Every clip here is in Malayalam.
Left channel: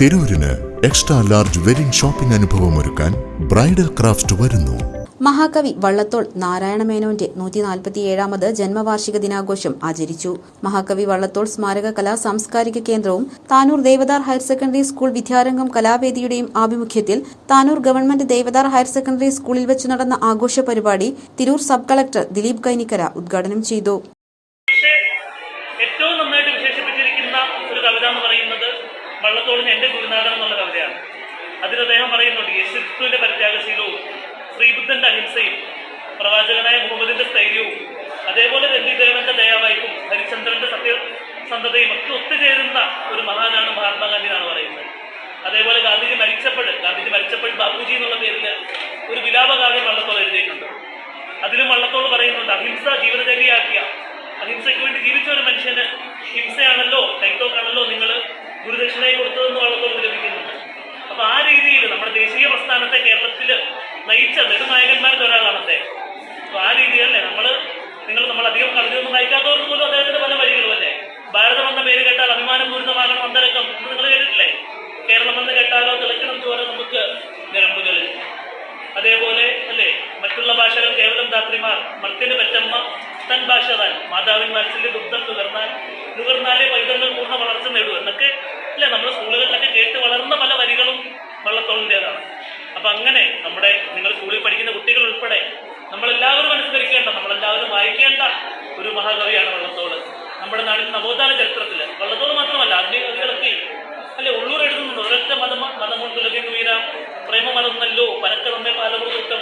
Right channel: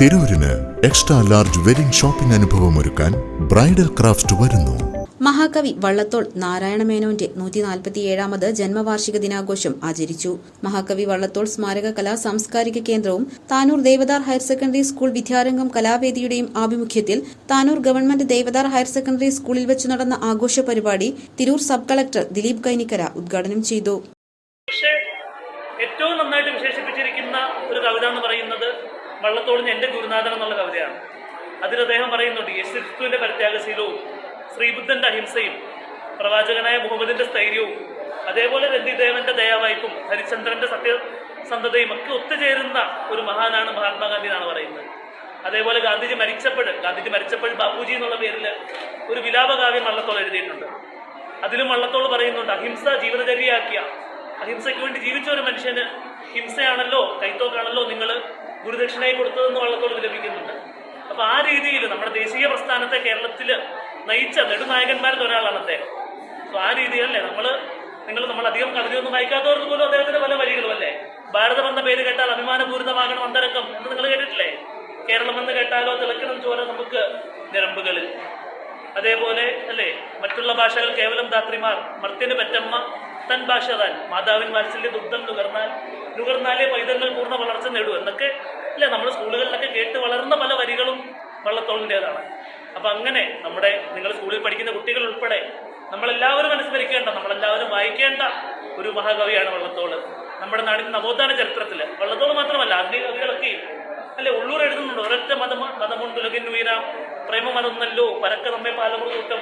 തിരൂരിന് എക്സ്ട്രാ ലാർജ് വെഡിംഗ് ഷോപ്പിംഗ് അനുഭവം ഒരുക്കാൻ ബ്രൈഡൽ ക്രാഫ്റ്റ് വരുന്നു. മഹാകവി വള്ളത്തോൾ നാരായണമേനോന്റെ നൂറ്റി നാൽപ്പത്തിയേഴാമത് ജന്മവാർഷിക ദിനാഘോഷം ആചരിച്ചു. മഹാകവി വള്ളത്തോൾ സ്മാരക കലാ സാംസ്കാരിക കേന്ദ്രവും Tanur Devadar higher secondary school Vidyarangam കലാവേദിയുടെയും ആഭിമുഖ്യത്തിൽ Tanur government Devadar higher secondary സ്കൂളിൽ വെച്ച് നടന്ന ആഘോഷ പരിപാടി തിരൂർ സബ് കളക്ടർ ദിലീപ് കൈനിക്കര ഉദ്ഘാടനം ചെയ്തു. വള്ളത്തോളിന് എന്റെ ഗുരുനാഥൻ എന്നുള്ള കവിതയാണ്. അതിൽ അദ്ദേഹം പറയുന്നുണ്ട് യേശുക്രിസ്തുവിന്റെ പരിത്യാഗശീലവും ശ്രീബുദ്ധന്റെ അഹിംസയും പ്രവാചകനായ മുഹമ്മദിന്റെ സ്ഥൈര്യവും അതേപോലെ രന്തിദേവന്റെ ദയാവായ്പും ഹരിചന്ദ്രന്റെ സത്യസന്ധതയും ഒക്കെ ഒത്തുചേരുന്ന ഒരു മഹാനാണ് മഹാത്മാഗാന്ധി എന്നാണ് പറയുന്നത്. അതേപോലെ ഗാന്ധിജി മരിച്ചപ്പോൾ ഗാന്ധിജി മരിച്ചപ്പോൾ ബാബുജി എന്നുള്ള പേരിൽ ഒരു വിലാപകാവ്യം വള്ളത്തോൾ എഴുതിയിട്ടുണ്ട്. അതിലും വള്ളത്തോൾ പറയുന്നുണ്ട് അഹിംസ ജീവിതചര്യയാക്കിയ അഹിംസയ്ക്ക് വേണ്ടി ജീവിച്ച ഒരു മനുഷ്യന് ഹിംസയാണല്ലോ കൈത്തോക്കാണല്ലോ നിങ്ങൾ ഗുരുദക്ഷിണയെ കൊടുത്തതെന്ന് വള്ളത്തോൾ വിലപിക്കുന്നുണ്ട്. അപ്പൊ ആ രീതിയിൽ നമ്മുടെ ദേശീയ പ്രസ്ഥാനത്തെ കേരളത്തിൽ നയിച്ച നെടുനായകന്മാരിൽ ഒരാളാണ് അദ്ദേഹം. അപ്പൊ ആ രീതിയല്ലേ നമ്മൾ നിങ്ങൾ നമ്മൾ അധികം കവിതയൊന്നും വായിക്കാത്തവർക്ക് പോലും അദ്ദേഹത്തിന്റെ പല വരികളും അല്ലേ? ഭാരതം എന്ന പേര് കേട്ടാൽ അഭിമാനപൂരിതമാകണം അന്തരക്കം എന്ന് നിങ്ങൾ കേട്ടിട്ടില്ലേ? കേരളം എന്ന് കേട്ടാലോ തിളക്കണം ചോര നമുക്ക് ഞരമ്പുകളിൽ അതേപോലെ അല്ലേ മറ്റുള്ള ഭാഷകൾ കേവലം ധാത്രിമാർ മർത്യന് പറ്റമ്മ തൻ ഭാഷ താൻ മാതാവിൻ വാത്സല്യ ദുഗ്ധം നുകർന്നാൽ നുകർന്നാലേ പൈതങ്ങൾ പൂർണ വളർച്ച നേടൂ എന്നൊക്കെ അല്ലേ നമ്മൾ സ്കൂളുകളിലൊക്കെ കേട്ട് വളർന്ന പല വരികളും വള്ളത്തോളിന്റെതാണ് അപ്പൊ അങ്ങനെ നമ്മുടെ നിങ്ങൾ സ്കൂളിൽ പഠിക്കുന്ന കുട്ടികൾ ഉൾപ്പെടെ നമ്മളെല്ലാവരും അനുസ്മരിക്കേണ്ട നമ്മളെല്ലാവരും വായിക്കേണ്ട ഒരു മഹാകവിയാണ് വള്ളത്തോൾ. നമ്മുടെ നാടിന്റെ നവോത്ഥാന ചരിത്രത്തിൽ വള്ളത്തോൾ മാത്രമല്ല ആധുനിക കവികളൊക്കെ അല്ലെ ഉള്ളൂർ എഴുതുന്നുണ്ട്. ഒരൊറ്റ മതം മതമുണ്ടുലകിന് വീരാം പ്രേമമതൊന്നല്ലോ പരക്ക നമ്മെ പാലമൃതൂട്ടം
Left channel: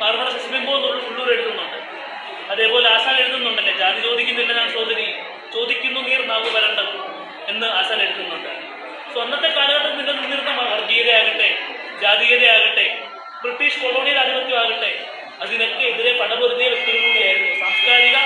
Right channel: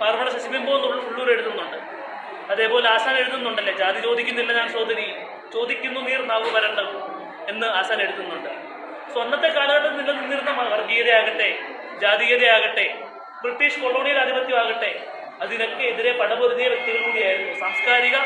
പാർവണ ശശിബിംബോ ഉള്ളൂർ എഴുതുന്നുണ്ട്. അതേപോലെ ആശാൻ എഴുതുന്നുണ്ടല്ലേ? ജാതി ചോദിക്കുന്നില്ല ഞാൻ സോദരി ചോദിക്കുന്നു നീർ നാവ് വരണ്ടത് എന്ന് ആശാൻ എഴുതുന്നുണ്ട്. സോ അന്നത്തെ കാലഘട്ടത്തിൽ നിങ്ങൾ നിന്നിരുന്ന വർഗീയതയാകട്ടെ ജാതീയതയാകട്ടെ ബ്രിട്ടീഷ് കൊളോണിയൽ ആധിപത്യമാകട്ടെ അതിനൊക്കെ എതിരെ പടപൊരുതിയ വ്യക്തികൾ കൂടിയായിരുന്നു. സാംസ്കാരിക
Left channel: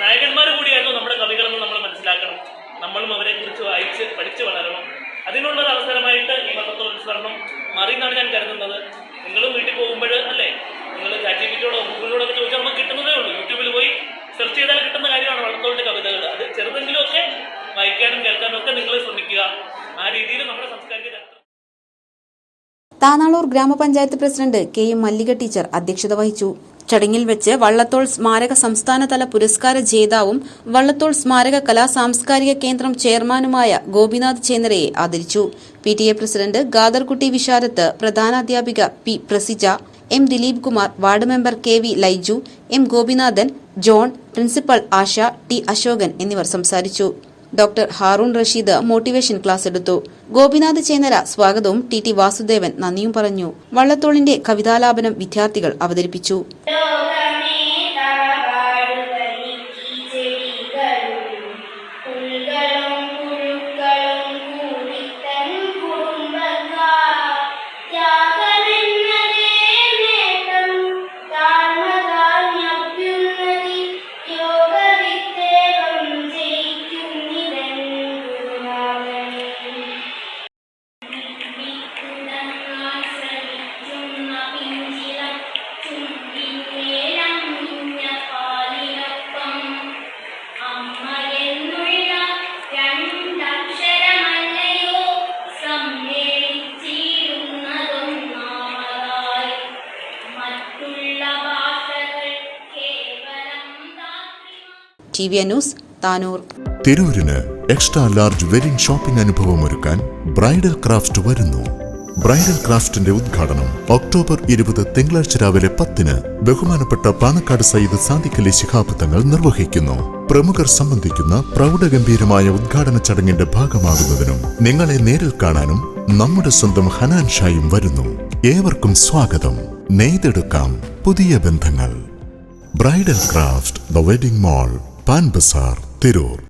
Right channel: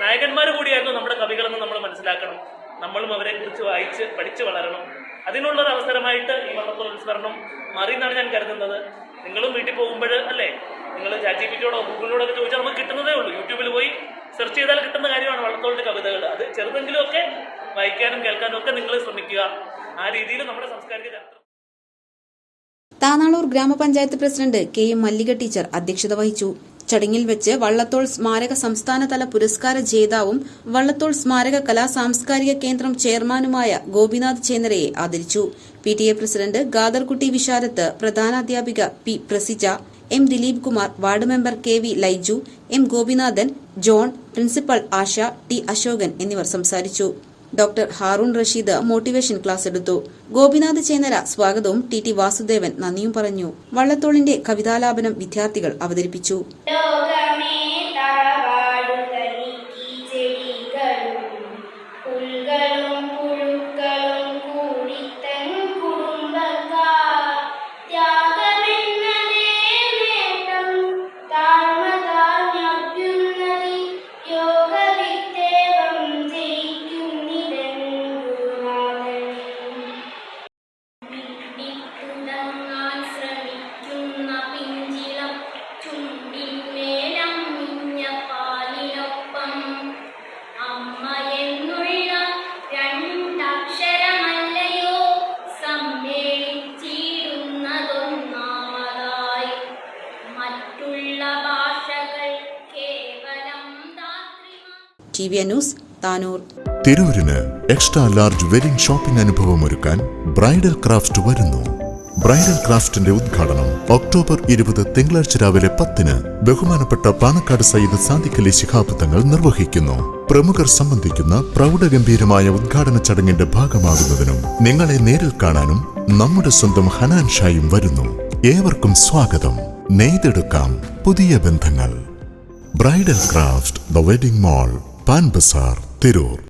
നായകന്മാർ കൂടിയായിരുന്നു നമ്മുടെ കവികളെന്ന് നമ്മൾ മനസ്സിലാക്കണം. നമ്മളും അവരെക്കുറിച്ച് വായിച്ച് പഠിച്ചു വളരണം. അതിനുള്ള ഒരു അവസരമായിട്ട് ഈ മഹത്വ മാറി എന്നാണ് ഞാൻ കരുതുന്നത്. നിങ്ങളും വീട്ടിൽ പോകുമ്പോൾ അല്ലേ? നിങ്ങൾ ചാറ്റ് ജി പിറ്റിയോടോ ഗൂഗിളിലൂടെ ഒക്കെ ചോദിച്ചാൽ നമുക്ക് കിട്ടുന്നതേ ഉള്ളൂ. യൂട്യൂബിൽ പോയി സെർച്ച് ചെയ്താൽ കിട്ടുന്ന കാര്യമാണ് വളർത്തോളിന്റെ കവിതകൾ. അത് ചെറുതെങ്കിലുമൊക്കെ വായിക്കാനും കേൾക്കാനും ഒക്കെ നിങ്ങൾ ശ്രമിക്കുക. താനാളൂർ ഗ്രാമപഞ്ചായത്ത് president K M Mallika teacher അധ്യക്ഷത വഹിച്ചു. ചടങ്ങിൽ വെച്ച് വള്ളത്തോൾ സ്മാരക സംസ്ഥാനതല പുരസ്കാര ജേതാവും വള്ളത്തോൾ സ്മാരക കലാ സാംസ്കാരിക കേന്ദ്രം ചെയർമാനുമായ ഗോപിനാഥ് ചേന്ദ്രയെ ആദരിച്ചു. P T A president Gadarkutty Visharath പ്രധാനാധ്യാപിക P Praseeja M Dileep Kumar ward member K V Laiju M Gopinathan John principal Asha T Ashokan എന്നിവർ സംസാരിച്ചു. Doctor Haroon Rasheed motivation class എടുത്തു. ഗോപിനാഥ് ചേന്നര സ്വാഗതവും ടി ടി വാസുദേവൻ നന്ദിയും പറഞ്ഞു. വള്ളത്തോളിന്റെ കവിതാലാപനം വിദ്യാർത്ഥികൾ അവതരിപ്പിച്ചു. T news Tanur. തിരൂരിന് extra large wedding shopping അനുഭവം ഒരുക്കാൻ ബ്രൈഡൽ ക്രാഫ്റ്റ് വരുന്നു. ബ്രൈഡൽ ക്രാഫ്റ്റിന്റെ ഉദ്ഘാടനം ഒക്ടോബർ ഇരുപത് തിങ്കളാഴ്ച രാവിലെ പത്തിന് ബഹുമാനപ്പെട്ട പാണക്കാട് സയ്യിദ് സാദിഖലി ശിഹാബ് തങ്ങൾ നിർവഹിക്കുന്നു. പ്രമുഖർ സംബന്ധിക്കുന്ന പ്രൗഢഗംഭീരമായ ഉദ്ഘാടന ചടങ്ങിന്റെ ഭാഗമാകുന്നതിനും നിങ്ങളെ നേരിൽ കാണാനും നമ്മുടെ സ്വന്തം ഹനാൻ ഷായും വരുന്നു. ഏവർക്കും സ്വാഗതം. നെയ്തെടുക്കാം. പുതിയ ബന്ധങ്ങൾ. Bridal craft the wedding mall. Pan Bazaar Tirur.